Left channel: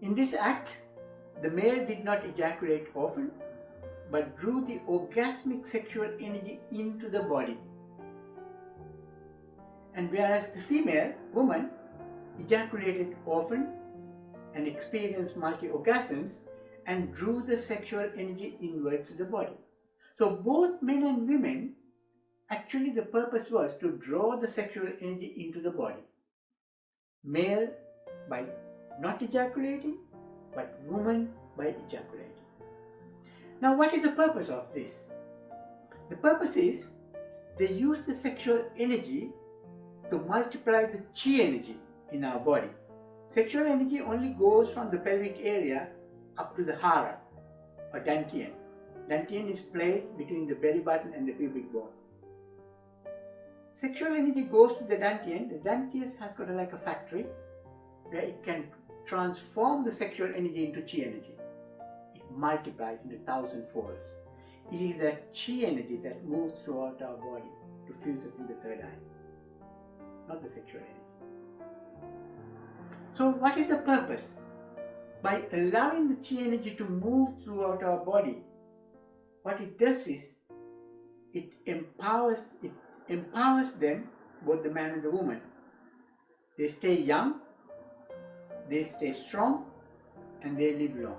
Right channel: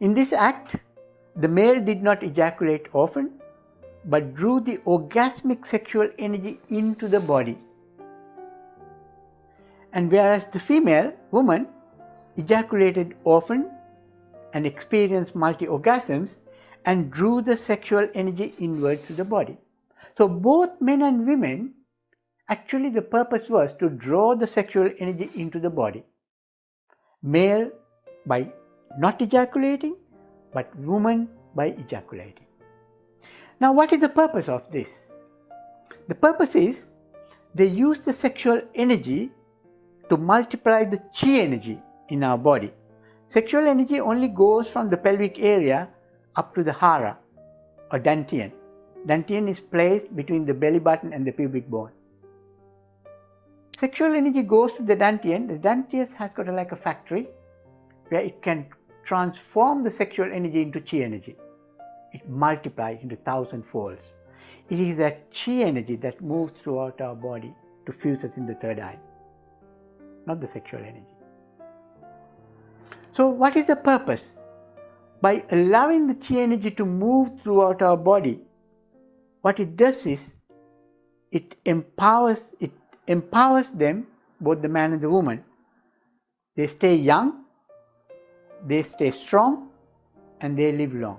In this act, the male did not ejaculate often, but drew the orgasmic sexual energy into the body. And whereas the female woman ejaculated often and experienced multi-orgasms and drew the sexual energy inwards to the body. So both men and women, actually the purpose was to draw the sexual energy into the body. Male by not ejaculating, but woman by ejaculating. Now what is the purpose of this? The purpose is they use the sexual energy to multiply the chi energy in our body. Sexual energy only goes from the pelvic area up to the hara or dantian. Dantian is placed between the belly button and the pubic bone. Sexual energy goes to the dantian. The dantian has got like a factory where it can transform the sexual energy into chi energy. It multiplies into 1,000 folds. It is that chi energy that moves throughout our body to fuse us in the third eye, not the sexual energy. So what is the purpose? By allowing the chi energy to move throughout our body, what it does is it empowers them, both the man and the woman. They stay young, they stay strong, and they live long.